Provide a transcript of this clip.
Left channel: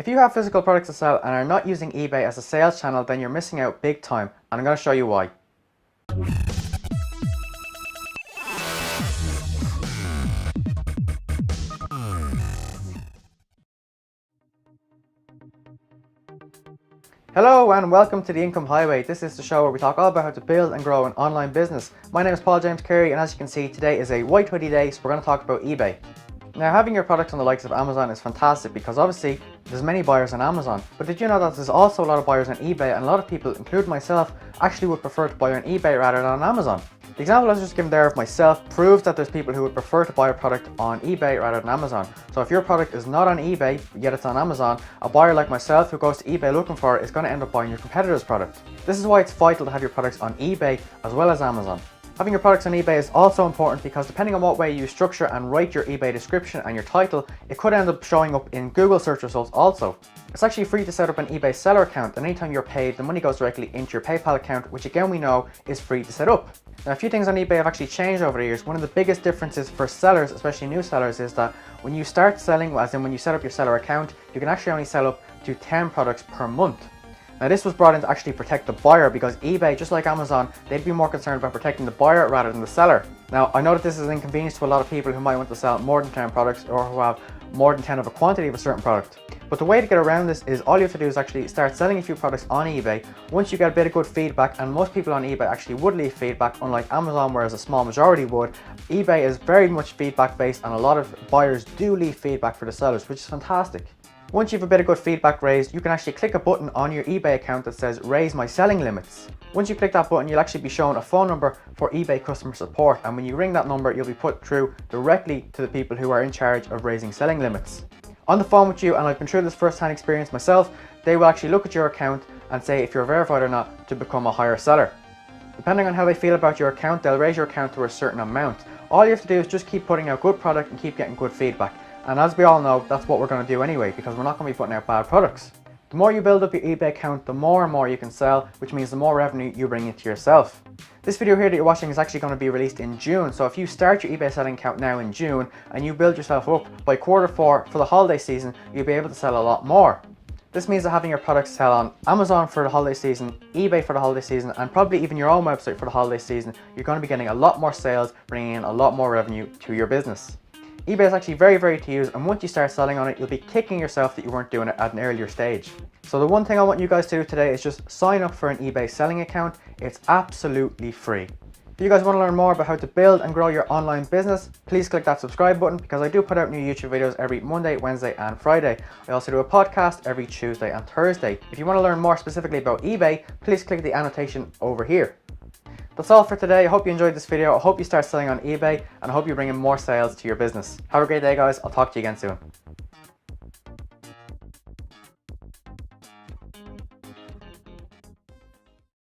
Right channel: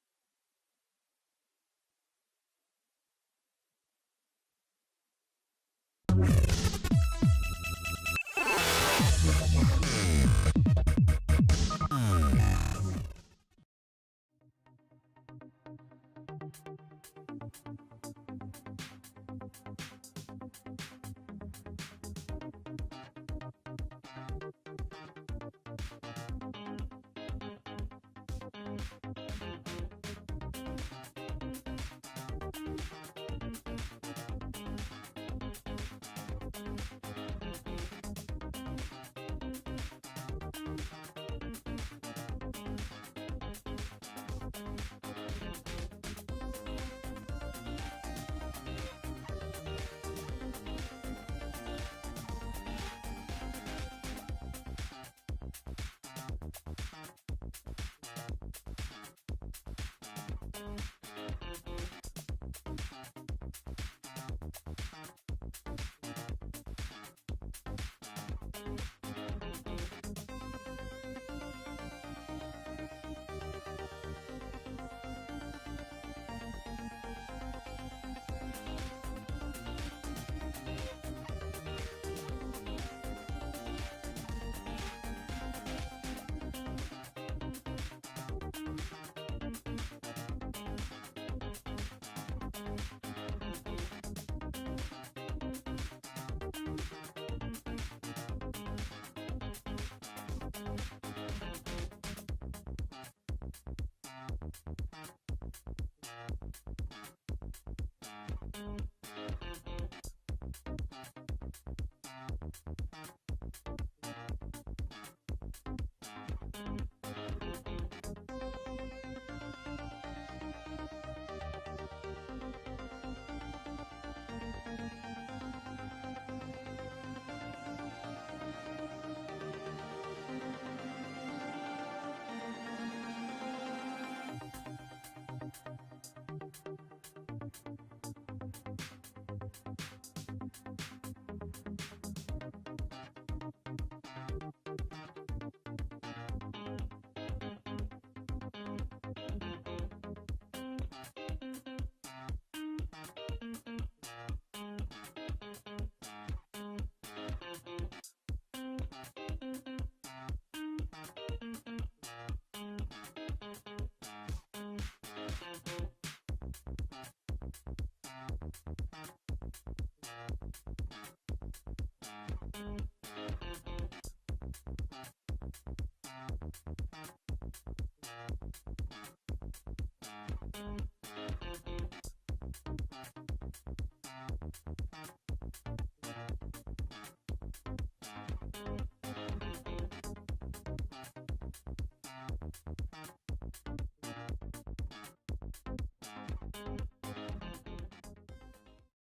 If you have physical products to sell and are not using eBay as a sales channel, then you're missing out big time, and I'm going to show you why. Hello and welcome to the Income Highway. This is the show where we talk all about how to build and grow an online business. My name is Paul James Carey, and as you can see, today is a white hoodie day, so we're going to talk about eBay. Now, having your products on the likes of Amazon is fantastic because obviously there's many buyers on Amazon. But did you know that there's also a lot of buyers on eBay, and a lot of people, including myself, actually would prefer to buy on eBay rather than on Amazon? The example I was just given there of myself proves that there's people who would prefer to buy a product on eBay rather than Amazon. So if your product is not on eBay, yet it's on Amazon, a buyer like myself who goes to eBay looking for it is going to end up buying your competitor's product. This is why it's vital to have your products on eBay as well as Amazon. Having your products on eBay is also important because depending on what way you structure and write your eBay description and your title, it could end up showing up in Google search results also. It's actually free to set up an eBay seller account, and anytime you're paid, the money goes directly into your PayPal account, which again we know is free to set up. Now, a few things on eBay have actually changed over the years. One of the biggest differences for sellers, especially new sellers, is that when you start selling, as in when you set up your seller account, you can actually only sell up to 10 products per month. Now, this was brought in to actually protect the buyer because eBay, just like Amazon, they'd be more concerned about protecting the buyer rather than the seller. Now, I know that this is an inconvenience to a lot of people who might want to sell more than 10 products or who have more than 10 of a quantity of a certain product. But the way to get around this is all you have to do is actually start selling a few products on eBay. Once you get a bit of good feedback, and most people on eBay actually would leave feedback, unlike Amazon, whereas a small majority would, eBay is very much feedback based, and a lot of buyers do leave feedback for the sellers, which is fantastic. Once you have a bit of good feedback raised, you can actually click a button on your eBay account that says raise my selling limits. Once you click that button, you'll actually be shown a phone number for eBay customer support, and when you ring that number, you'll be put through directly to the people who are in charge of raising selling limits. On the phone with you, and I've been through this first-hand experience myself, they will actually look at your account and say if you're verified or not to become a higher seller. Depending on how they feel about your account, they'll raise your account to a certain amount. All you have to do is just keep putting out good product and keep getting good feedback. And as we all know, that's what we're going to do anyway, because we're not going to be putting out bad products. The more you build up your eBay account, the more and more you can sell, which means the more revenue you bring into yourself. This video here that you're watching is actually going to be released in June, so if you start your eBay selling account now in June and you build yourself up by Q4 for the holiday season, you'll be able to sell a lot more. This means that having your products sell on Amazon for the holiday season, eBay for the holiday season, and probably even your own website for the holiday season, you're going to be getting a lot more sales, bringing in a lot more revenue to your business. eBay is actually very to use, and once you start selling on it, you'll be kicking yourself that you weren't doing it at an earlier stage. So the one thing I want you guys to do today is just sign up for an eBay selling account. It's absolutely free. If you guys want to learn more about how to build and grow your online business, please click that subscribe button because I do put out new YouTube videos every Monday, Wednesday and Friday. I also do a podcast every Tuesday and Thursday. If you want to learn more specifically about eBay, please click the annotation over here. That's all for today. I hope you enjoyed this video. I hope you start selling on eBay, and I hope you bring in more sales to your business. Have a great day, guys. I'll talk to you again soon.